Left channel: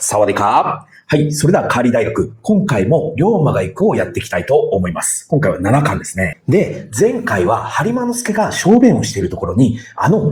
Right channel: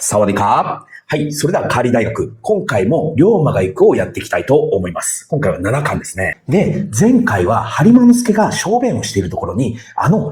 サワディカー。はい。それでは、カーリー大学。今回も、龍馬が行くをやっていきたいと思います。今回は7巻ですね。で、前回は、播磨之助が証言をしているところに、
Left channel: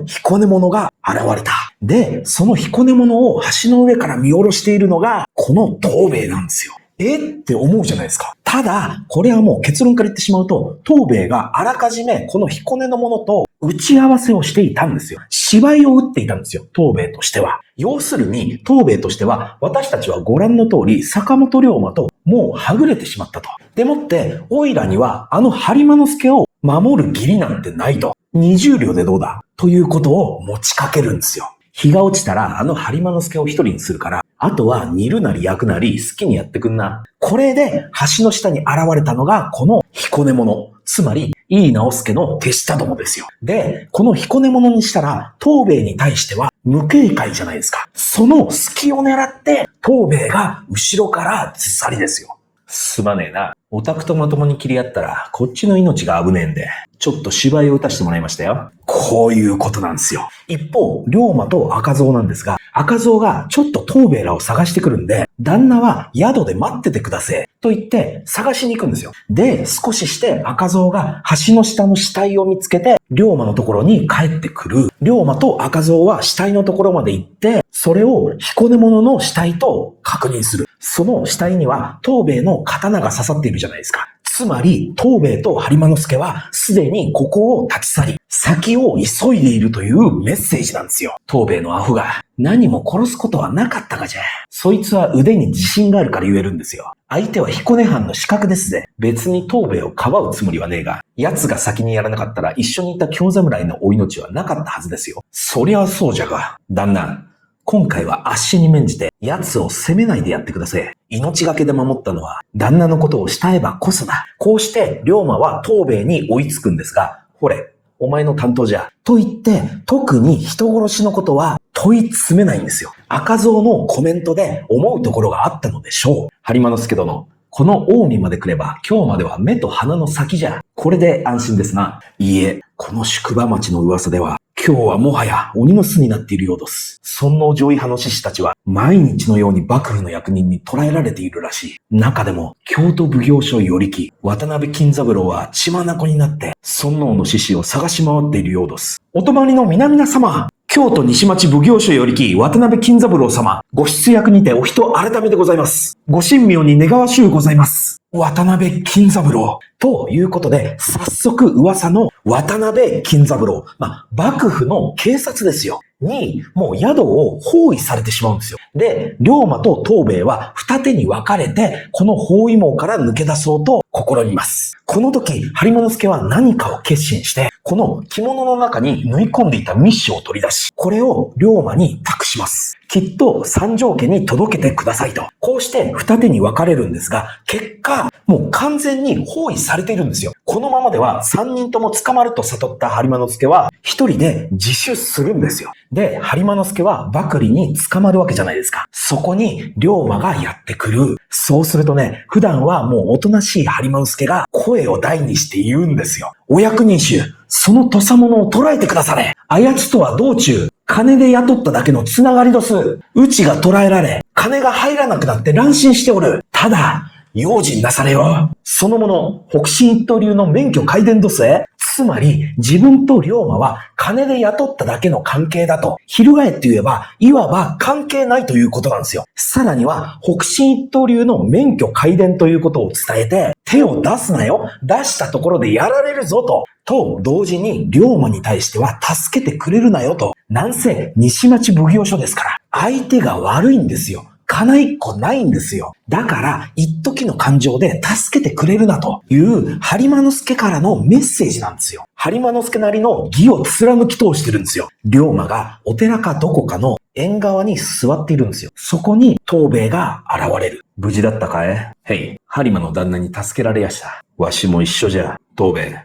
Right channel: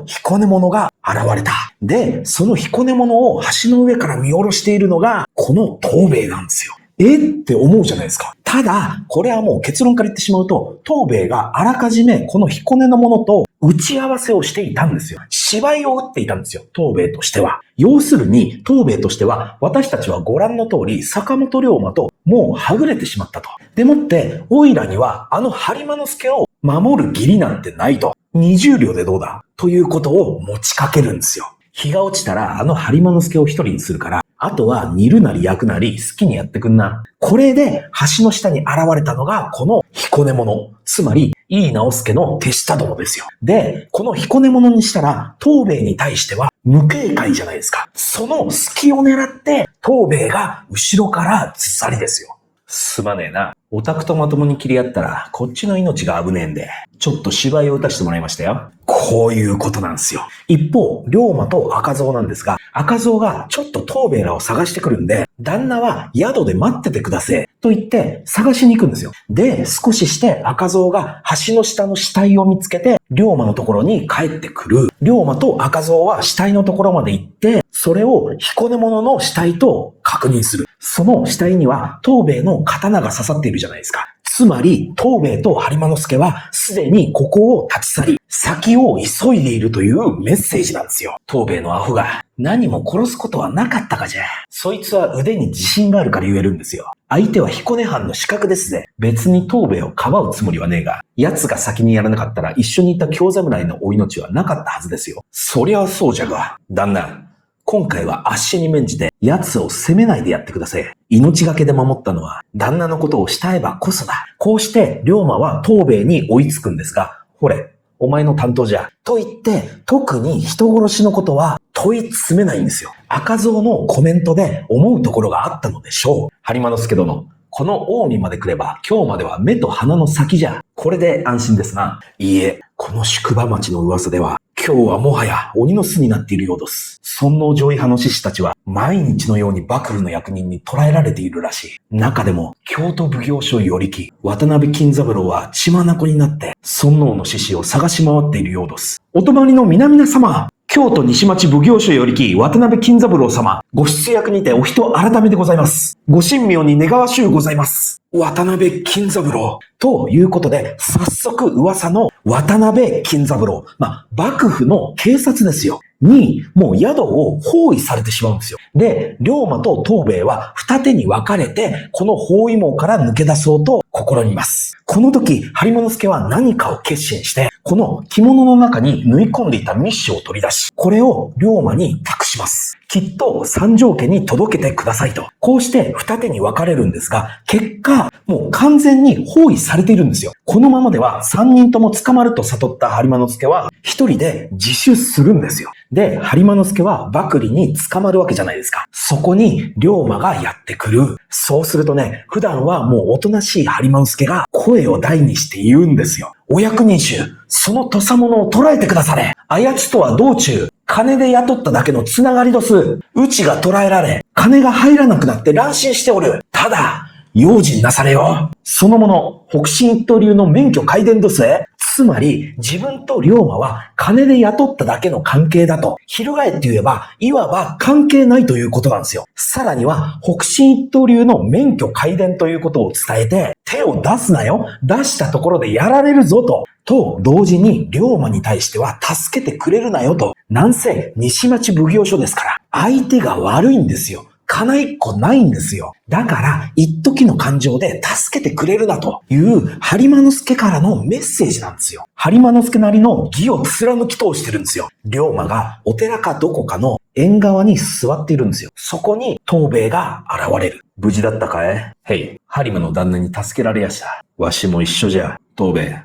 彦根者が現れた。で、その彦根者を橋の上から見下ろしているのが、この東兵衛なんですよ。って思うじゃないですか。ただ、これはもう結論から言ってしまうと、東兵衛があらかじめこの彦根の者と打ち合わせをしていたんですよ。芝居を打っていたんですよ。東兵衛としては。要するに、東兵衛としては、私たちはご覧の通り、坂本龍馬ともうはぐれてしまったと。でもって、オイラには播磨之助を守る義理なんてないと。20両でどうだということを持ちかけるんですよ。日が落ちたら播磨之助を一人にするから、あとは煮るなり焼くなり好きにやってくんな。これで橋の下に現れたのがこの彦根者。つまり、井伊直弼の手下どもですよ。で、この彦根者にしたら、東兵衛に対しては無警戒じゃないですか。その隙を狙って、東兵衛が後ろからずさりですよ。すまねえな。オタクとまともに切り合ったら、こっちの命が危ねえんで、ちょっと芝居を打たせてもらいましたよ。こういうことなんですよ。一方、龍馬と赤蔵なんですが、赤蔵がちょっと東兵衛らを探してくるんで、旦那は宿で待っててください。と言って探しに行くんですよ。で、少しして赤蔵が橋の下の死体を見つけて、龍馬のところに帰ってくる。龍馬と赤蔵は死体のところまで行って、それを彦根者の死体と確認する。その死体には東兵衛の刀が刺さっているじゃないですか。つまり、東兵衛と播磨之助はすでにここを立ち去り、先を急いでいるというメッセージなんですよ。東兵衛のアホが何も殺すことはなかったかじゃ。そいつは腕に自信があるから言えるんですよ。相手は彦根藩の刺客ですぜ。別に東兵衛をかばうつもりはねえが、奴が先にやらなかったら一緒にいた京侍のお命はなかったはずですよ。そりゃそうじゃが、旦那。今回はあっしに免じて奴を責めないでやってください。命がけで守ったのは旦那のことを慕えばこそだ。こうして龍馬は東兵衛に追いつくんですが、ほれ、お前の担当じゃ。と言って、特に人殺しのことは問い詰めないんですよ。赤蔵のコメントで思うところがあったのでしょう。播磨之助殿。この近江まで来れば今日までは目と鼻の先じゃ。これで安心ですな。いいえ、この宿場町の噂では今日はもはや鬼の巣になっているようです。尊王攘夷派の志士たちは毎日のように幕府の役人に捕らえられているらしい。中でも京都奉行所与力渡辺金三郎は血眼になって尊王の志士を探し回っているようです。お泊まりの皆々様、京都西町奉行所与力渡辺金三郎様、ご出役にてお人改めでございます。ご神妙に願わしゅうございます。渡辺金三郎。ということで、早速噂の渡辺金三郎。幕府の警察ですよ。に、もう宿を包囲されてしまうんですよ。で、龍馬と東兵衛は二手に分かれて、この包囲網から抜け出そうと試みます。この時、播磨之助は何かを決心して、この着物の中に縫い込んでいた密書を取り出し、これを龍馬に託します。きっと三条家に届けてくださいと。こうして二手に分かれるんですが、結果、もう完全に包囲されているんですよ。このままでは三人とも捕まると悟った播磨之助は一人で自首するんですよ。で、播磨之助は幕吏に捕まるわけじゃないですか。そこに龍馬がやってくる。そうするとね、普段はもうおとなしい播磨之助が声を大にして言うんですよ。お役人衆、その土佐者を捕らえてくだされ。あやつとは道中、金で雇っただけのつながりどす。うちが捕らえられ、金が入らなくなって乱心しておる。ただ、用心なされよ。その者、北進一刀流の免許皆伝どすえ。つまり、自分と龍馬は金で雇っただけの関係だと。翻って言えば、いわば関係ないということなんですよ。さらには、北進一刀流の免許皆伝ということを伝えて、手を出すなよ。出したところでやられるぞと。と同時に龍馬に対しては助けてくれるなよと。なんせ西町奉行所ですから、相手が悪いんですよ。金一個ないんですよ。だから、一時の感情で助けてくれるなという播磨之助からのメッセージなんですよ。播磨之助なりの義を貫き通してるんですよ。龍馬がお寺かどこかの縁側に座っているんですよ。そこに東兵衛が現れる。無事だったかい？へい、播磨の旦那に助けられやした。わしも一緒じゃ、東兵衛。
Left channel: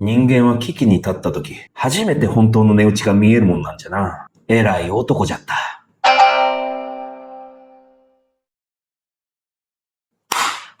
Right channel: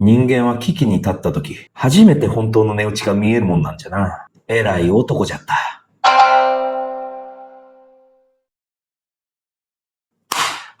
人間は危機に立った時、初めて本当の値打ちが見えるもんなんじゃな。偉い男じゃった。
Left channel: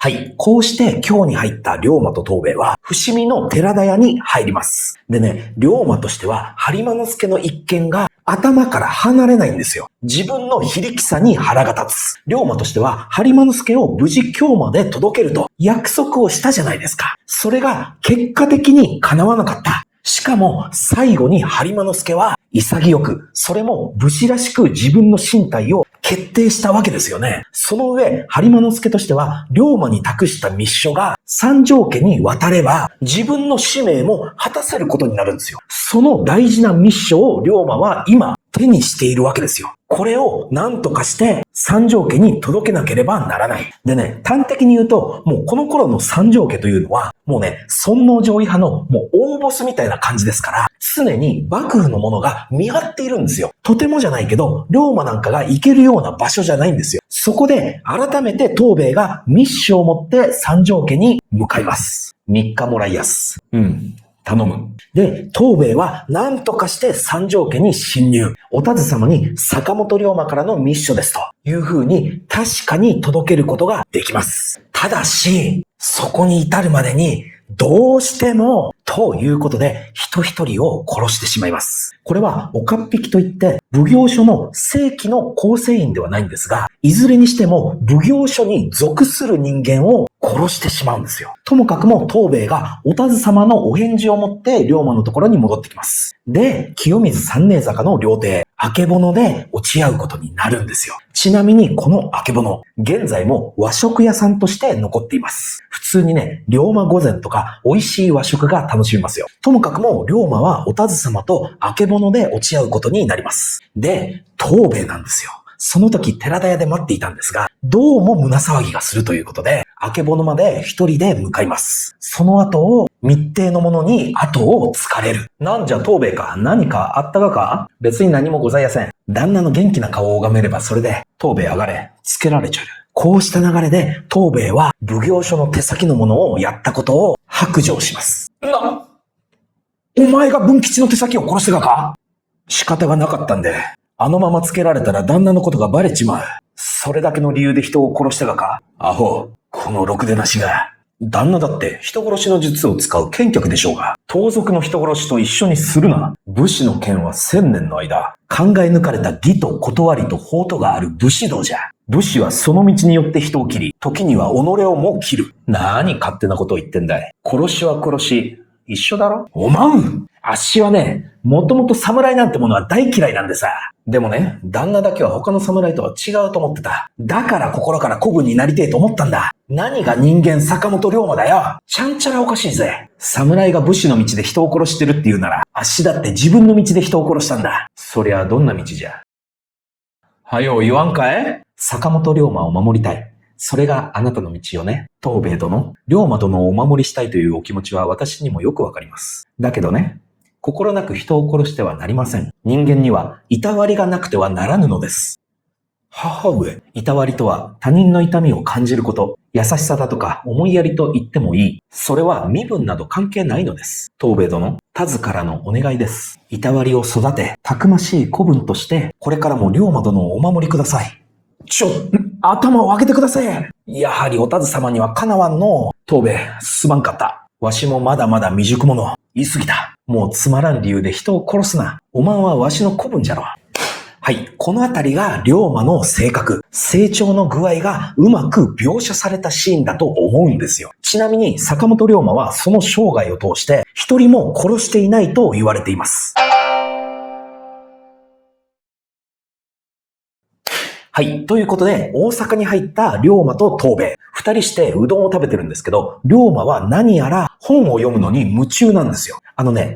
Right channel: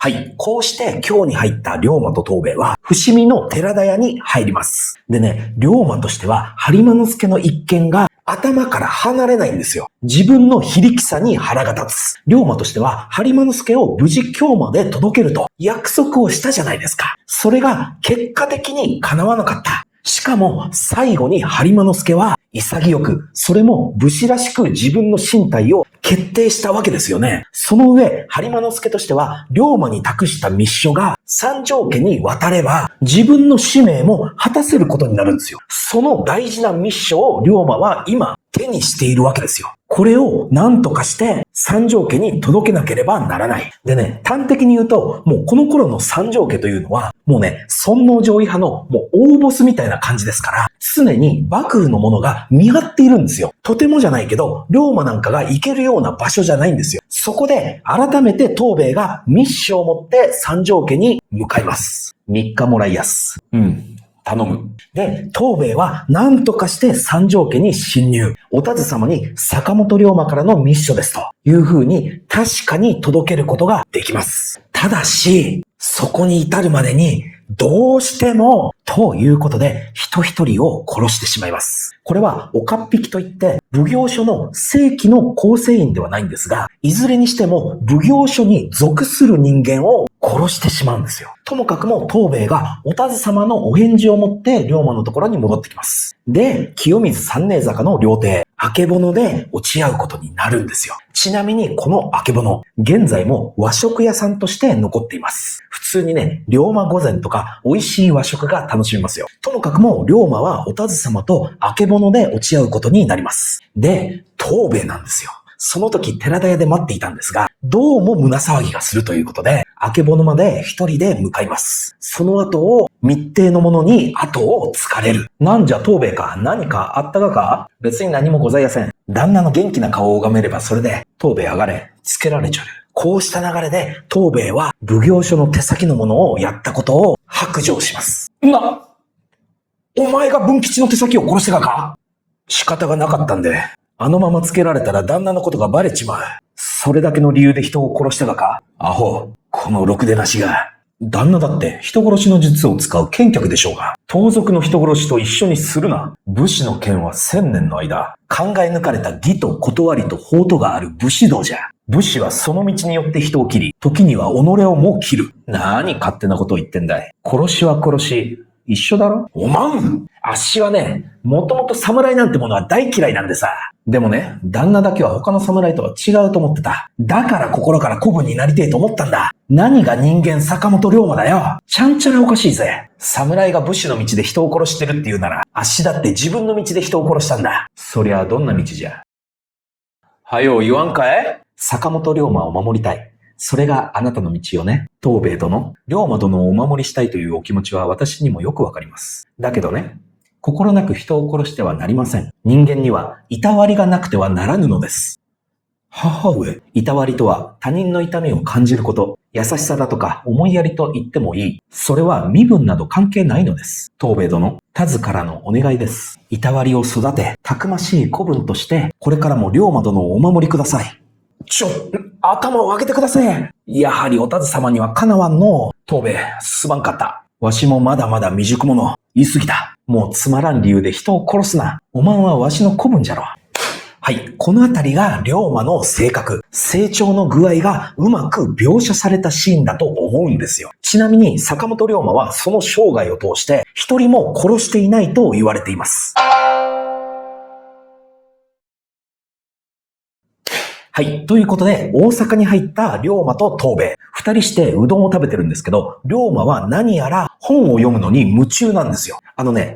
はい。こうして京に入った龍馬と東兵衛は、伏見の寺田屋に入ります。でね、龍馬としては、播磨之助の一件が頭から離れないんですよ。自分の非力さに腹が立つ。龍馬としては、播磨助を無事京まで届けると約束をしたじゃないですか。それが結果的に叶わなかった。しかも最後に播磨助は潔く、それも武士らしく自分の進退を決定したわけですよね。その上、播磨助としては、龍馬に託した密書が三条家に渡れば、自分の使命も果たせることになるんですよ。その大事な密書を龍馬は今手にしているわけですよ。これを何とかして三条家に届けなければならない。でね、端的に言うと、もうこの頃の三条家というのは、もうね、尊王攘夷派のもう大ボスみたいな感じですから、常に幕府のものが見張っているんですよ。とてもじゃないけど、龍馬なんかが行けるような場所じゃないんですよ。そこで改めて東兵衛が密書を持って三条家に向かいます。3日もらいやす。頼む。で、東兵衛は何とかして三条家に侵入。お田津様に坂本龍馬からの密書ですという風に確かに届けることができます。ただし、そこに至るまでにどうしてもということで人一人を殺してしまいます。これは岡っ引きといって奉行所の正規の構成員ではないんですが、いずれにしても奉行所に属する人間を殺してしまうんですよ。ともかくも東兵衛がお田津様のお返事を持って龍馬のところに戻ってきます。で、清水三年坂の料亭、あけぼので落ち合うことになるんですよ。ちなみにこのあけぼの、現在も和食屋さんとして残っています。普通にね、龍馬御膳とか美味しい和食が楽しめますよ。ともかくも龍馬はお田津様とあけぼので落ち合うことになります。で、東兵衛なんですよ。その時寺田屋で待っていたんですが、どうも胸騒ぎがするということで、あけぼのまで一人で向かいます。その後を密偵の者に後をつかれる。なんじゃ東兵衛か、何かあったか？別に何もございません。旦那の元気な顔を拝めればそれで、東兵衛上がれ、つけられちゃる。こうした流れで、東兵衛は奉行所の手先の者をやったことを白状します。お前が文吉の手先を殺してたか？仕方がなかったんで、あのままつけられたら旦那のことがバレちまう。それだけの理由で人を殺してたか？アホ、このろくでなしが。旦那だって人殺しの術を使う剣客でしょうが、盗賊の人殺しと一緒にするな。武士の剣は1000年の間、考え抜かれた義と断りと法とがある武士道じゃ。武士はその道によって人を切り、時には己をも切る。なに勝手なことを言ってんだい。殺しは殺し、一緒だろ？おまん！あっしはね、もともと侍なんてものは大嫌いなんでさ。でもね、旦那だけは他の侍とは違うと思ってた。だから心から子分になりてえと思ったんだ。何が人間坂本龍馬だよ。ちゃんちゃらおかしいぜ。侍が武士の道で人を殺してるっていうなら、あっしだって自分の道で人を殺したんだ。そりゃどんな道じゃ。はよ言わんかい？坂本龍馬を守りたい。それがあなたの道よね。東兵衛殿、龍馬殿をお守りしたいというお気持ちは私にもよくわかります。だけどね、心なく人を殺してはなりません。人間にはいたわりがなくてはならぬのです。母上、いたわりとは他人の痛みを感じること、優しさだとか思いやりと言ってもいい。それは身分など関係ないのです。東兵衛殿、田津からのお願いです。いたわりを育て、たくましい子分として、これからも龍馬殿をお守りください。頭を上げてください。やはりお田津様にはかなわんの。東兵衛、すまんかった。わしもまだまだ未熟者。言い過ぎた。もうつまらん理由で人を殺すな。おまんはわしの子分じゃろ。はい。このあたりが龍馬の性格、成長の具合がうまく描写されたシーンだと思うんですよ。ちなみに坂本龍馬はその生涯を通して一人も殺していないと言われています。はい。ということで、大阪に入った龍馬と東兵衛。二人してうどんを食べてるんですけど、龍馬は何やら本を読むのに夢中なんですよ。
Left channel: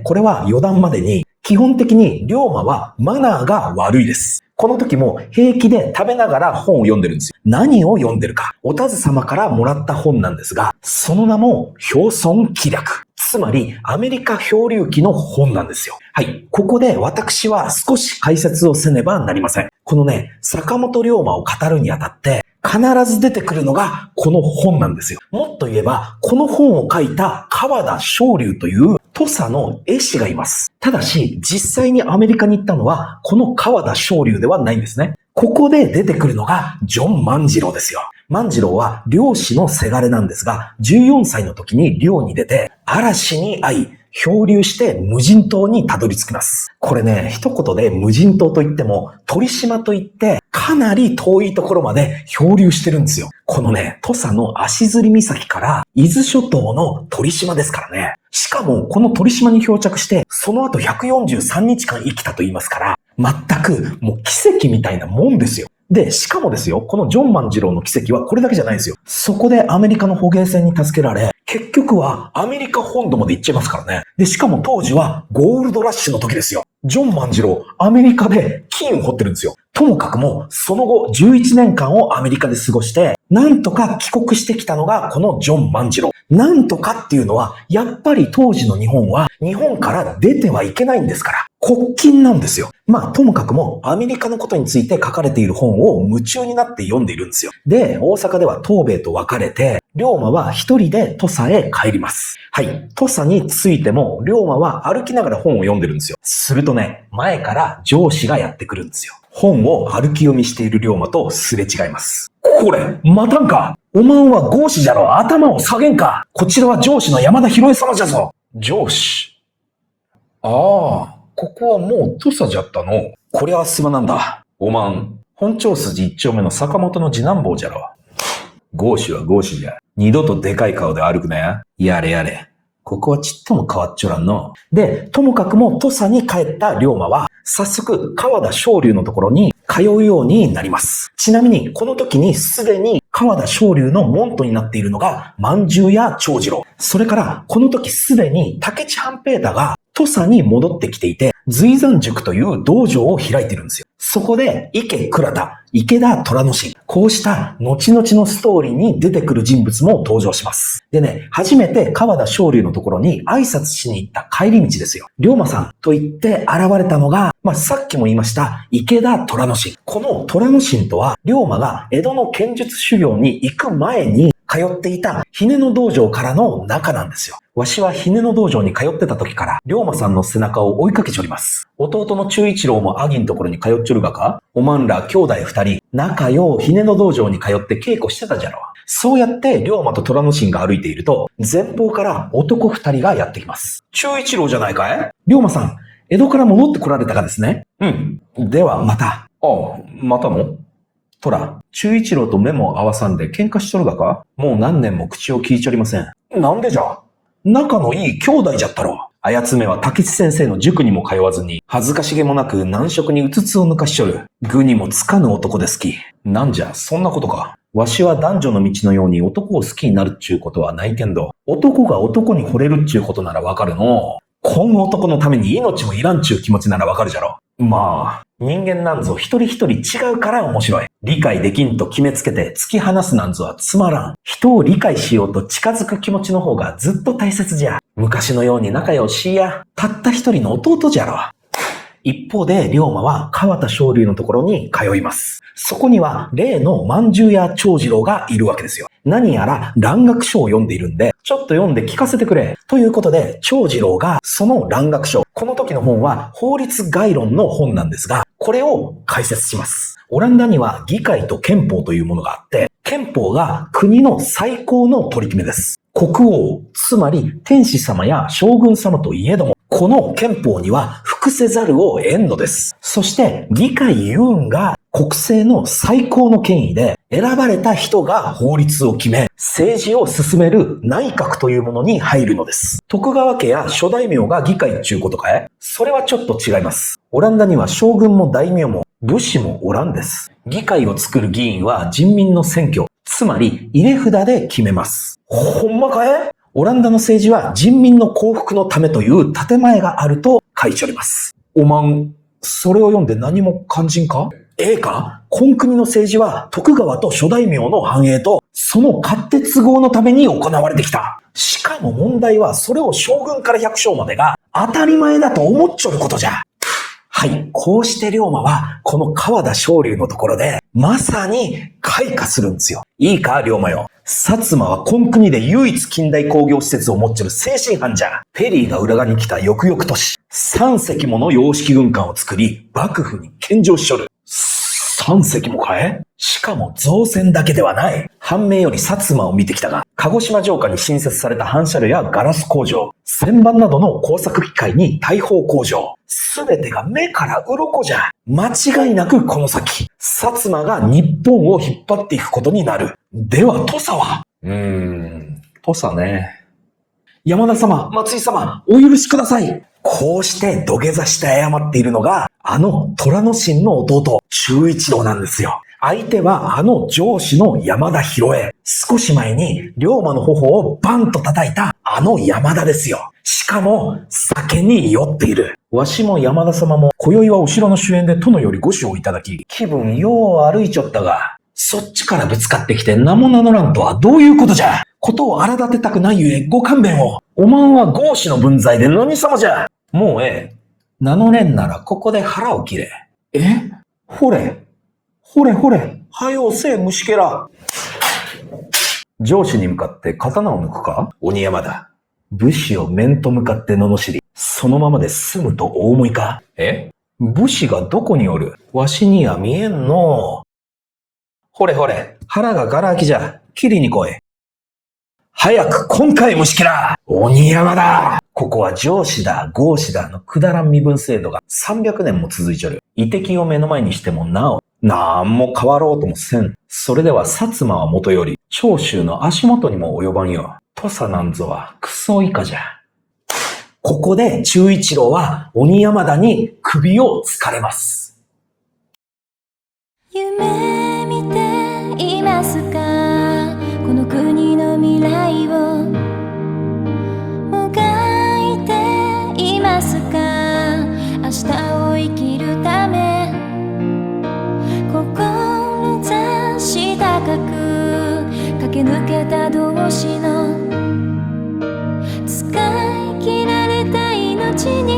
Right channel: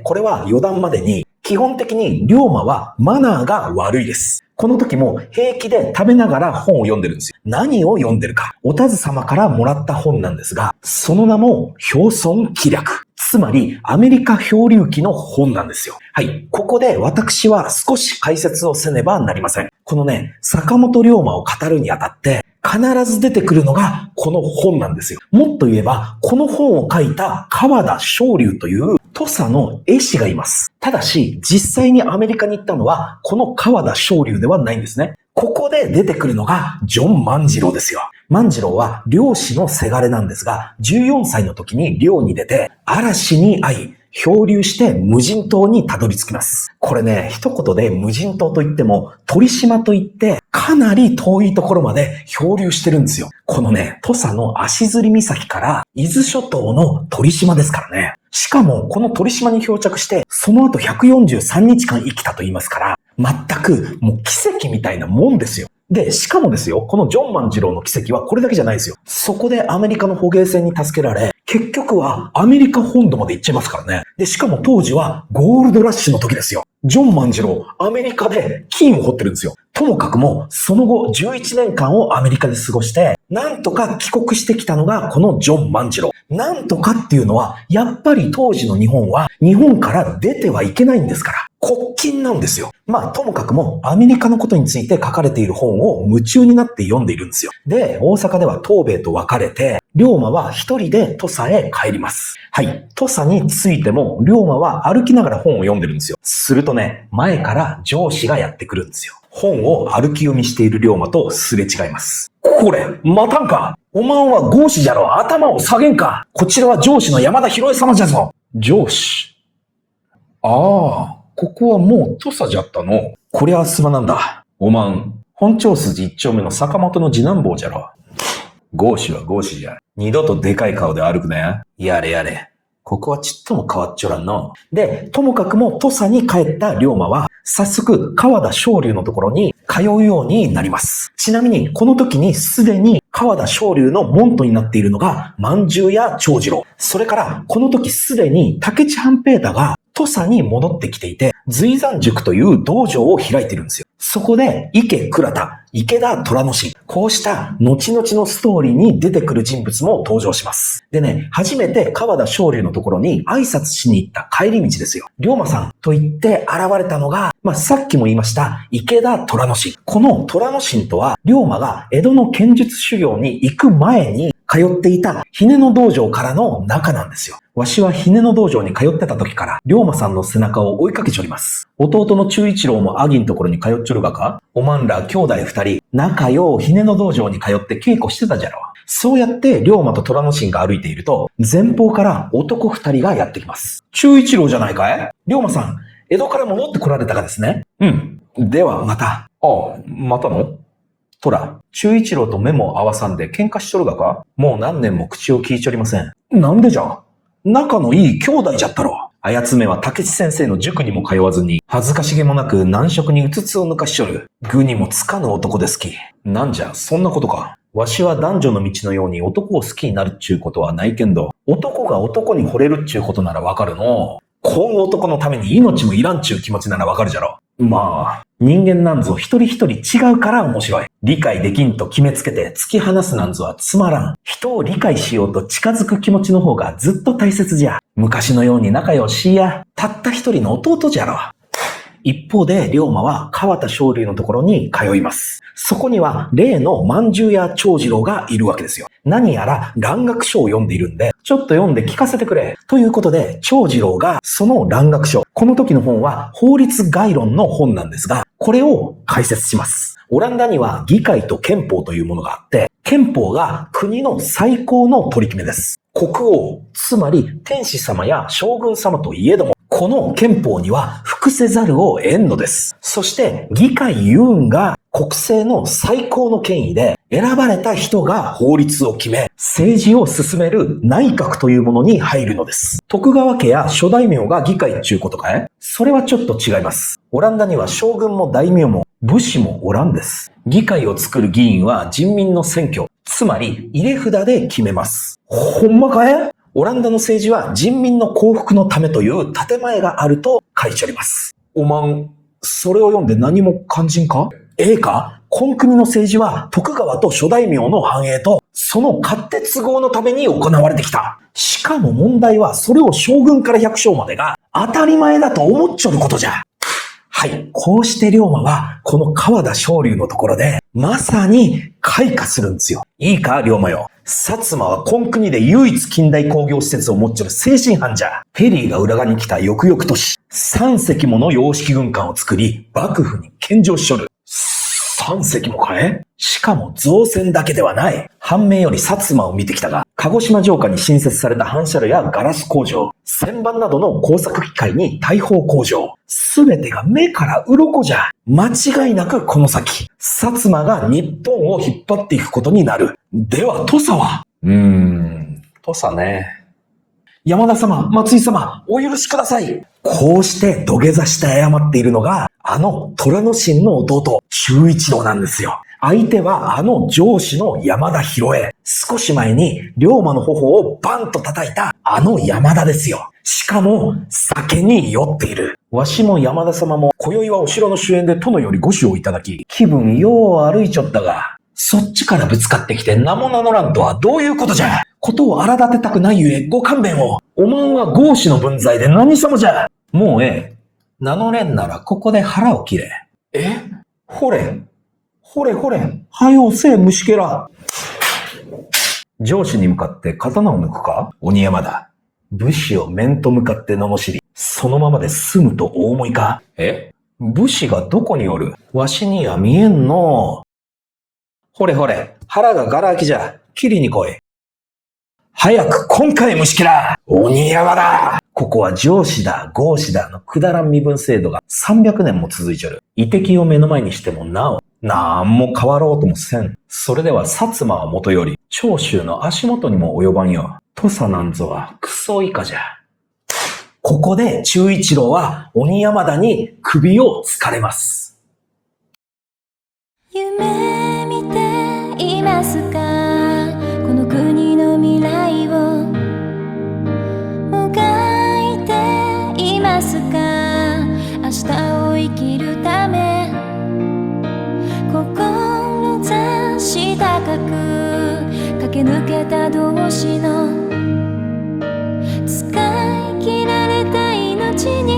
これは余談までに、基本的に龍馬はマナーが悪いです。この時も平気で食べながら本を読んでるんですよ。何を読んでるか。お田津様からもらった本なんですが、その名も表村記略。つまりアメリカ漂流記の本なんですよ。はい。ここで私は少し解説をせねばなりません。このね、坂本龍馬を語るにあたって、必ず出てくるのがこの本なんですよ。もっと言えば、この本を書いた川田昇龍という土佐の絵師がいます。ただし、実際にアメリカに行ったのは、この川田昇龍ではないんですね。ここで出てくるのがジョン万次郎ですよ。万次郎は漁師のせがれなんですが、14歳の時に漁に出て、嵐に遭い、漂流して無人島にたどり着きます。これね、一言で無人島といっても、鳥島といって、かなり遠いところまで漂流してるんですよ。このね、土佐の足摺岬から伊豆諸島の鳥島ですからね。しかも、この鳥島に漂着して、その後143日間生きたと言いますから、全くもう奇跡みたいなもんですよ。で、しかもですよ、このジョン万次郎の奇跡はこれだけじゃないですよ。そこでアメリカの捕鯨船に助けられ、結局はアメリカ本土まで行っちゃいますからね。で、しかも当時はゴールドラッシュの時ですよ。ジョン万次郎、アメリカで金を掘ってるんですよ。ともかくも、その後11年間をアメリカで過ごして、なんとか帰国してきたのがこのジョン万次郎。なんとかっていうのは、やっぱり当時の日本は、日本から出てはいけないんですから。国禁なんですよ。まあ、ともかくも、アメリカのことについて書かれている本を夢中になって読んでいるんですよ。で、大阪では東米と別れて、龍馬は一人で土佐へ帰ります。はい。土佐に着いても、龍馬は歩きながら本を読んでるんですよ。するとね、前から上司がやってくるんですよ。本を歩き読みしている龍馬とすれ違います。これ、待たんか。おまんは合子じゃろ。頭を下げんか。こちらは上司の山田博恵様じゃぞ。上司。ああ、ここはもう土佐じゃったの。こりゃすまなんだ。おまん、本町筋一丁目の坂本の次男坊じゃろ。合子は合子じゃ。二度とでかい顔で歩くなや。やれやれ。ここはちっとも変わっちょらんの。で、ともかくも土佐に帰った龍馬は、早速川田昇龍のところに通うようになります。ちなみに、この時にすでに川田昇龍の門徒になっているのが、万十や長次郎。それから、この時すでに武市半平太が土佐に戻ってきていて、随山塾という道場を開いているんですよ。そこで、池倉田、池田虎之進、こうした後々のストーリーに出てくる人物も登場します。でね、初めて川田昇龍のところに挨拶しに行った帰り道ですよ。龍馬さんと言って現れたのが、さっきも言いました池田虎之進。この虎之進とは、龍馬が江戸の剣術修行に行く前に通っていた姫野道場からの仲なんですよ。わしは姫野道場に通ってた時から、龍馬さんの背中を追いかけちょります。弟の忠一郎もアギんところに通っちょるがか？おまんら兄弟二人、仲よう姫野道場に通って稽古してたじゃろ。そうやって龍馬と虎之進が歩いていると、前方から男二人がやってきます。忠一郎じゃないかい？龍馬さん、江戸から戻ってこられたかですね。うん。ではまた。ああ、またの？とら、忠一郎と目も合わさんで喧嘩しとるがか？もう何年も口を聞いちょりません。なんでじゃ？仲のいい兄弟じゃったろ。あやつめは竹地先生の塾にも通わずに、恥ずかしげもなく難色にうつつを抜かしちょる。愚にもつかぬ男ですき。なんじゃ、そんなことか。わしは男女の道のように男を好きになるっちゅうことはないけんど、男が男に惚れるっちゅうことならわかるの。この男のために命もいらんちゅう気持ちならわかるじゃろ。まあ、人間なんぞ一人一人違うから面白い。理解できんと決めつけて突き放すなんぞはつまらん。人を理解しようと近づく気持ちの方がずっと大切じゃ。昔のように仲良しや、たった一人の弟じゃろ。一方で、龍馬は川田昇龍のところに通います。そこには、例の万十や長次郎がいるわけですよ。何やら蘭学書を読んでいるんで、ちょっと読んで聞かせてくれ。ということで、長次郎がその蘭学書、この時の本は法律概論の本なんですが、これを解説します。オランダには議会と憲法というものがあって、憲法が国の最高の取り決めです。国王、つまり天子様や将軍様といえども、この憲法には服せざるを得んのです。そして議会ユーンが国政の最高の権威で選ばれた人が法律を決め、政治を進める内閣というものに入るのです。徳川家や諸大名が議会っちゅうことかい？それはちょっと違います。オランダには将軍も大名も武士もおらんです。議会を作る議員は人民の選挙、つまり入れ札で決めます。ほんまかい？オランダの政治は人民の幸福のためという建前があると書いております。おまん、それを読んで何も感じんか？ええか？今国の政治は徳川と諸大名の繁栄とその勝手都合のために行われてきた。しかも問題はそれを将軍から百姓までが当たり前だと思っちょることじゃ。はい。こうして龍馬はこの川田昇龍のところでまさに開花するんですよ。いいか、龍馬よ。薩摩は今国で唯一近代工業施設を持っちゃる精神犯じゃ。ペリーが浦賀に来た翌々年、3隻もの洋式軍艦を作り、幕府に献上しちょる。3隻もかえ？しかも造船だけではない。藩名より薩摩を見てきたが、鹿児島城下に新設された反射炉やガラス工場、旋盤などの工作機械に大砲工場、すべてが目から鱗じゃ。間違いなくこの先、薩摩が日本を引っ張っていくことになる。では土佐は？土佐ね。山田様、松井様、お許しください。こうして土下座して謝っているのが、あの虎之進の弟、忠一郎なんですよ。相手はあの上司の山田博恵。少し前に龍馬の頬をバンと叩いたあの山田ですよ。しかも酒に酔っている。わしも山田様も今宵はお城の主演で殿よりご酒をいただき、気分よう歩いちょったが、そっちからぶつかってきて名も名乗らんとはどういうことじゃ。ことを荒立てたくないゆえご勘弁を。おまんは豪士の分際で何様じゃ。もう名乗れんならここで腹を切れ。ほれ。はよせえ虫けら。上司に向かって刀を抜くか？鬼山だ。武士を面と向かって罵り、そのままで済むとお思いか？武士がどこにおる？わしには見えんのう。ほれ、腹がガラ空きじゃ。切りに来い。早く今回虫けら！鬼山だ！ここは上司だ、豪士だのくだらん身分制度が300年も続いちょる。遺敵を目の前にしてもなお、なんも変わろうともせん。それでは薩摩はもとより、長州の足元にも及ばんよ。土佐なんぞはクソ以下じゃ。ここで忠一郎は鬼山田に首をつかれます。夢見ていますか？この国の未来をもがいていますか？明日を生きるため志高く駆け抜けた同士の使い切られた命に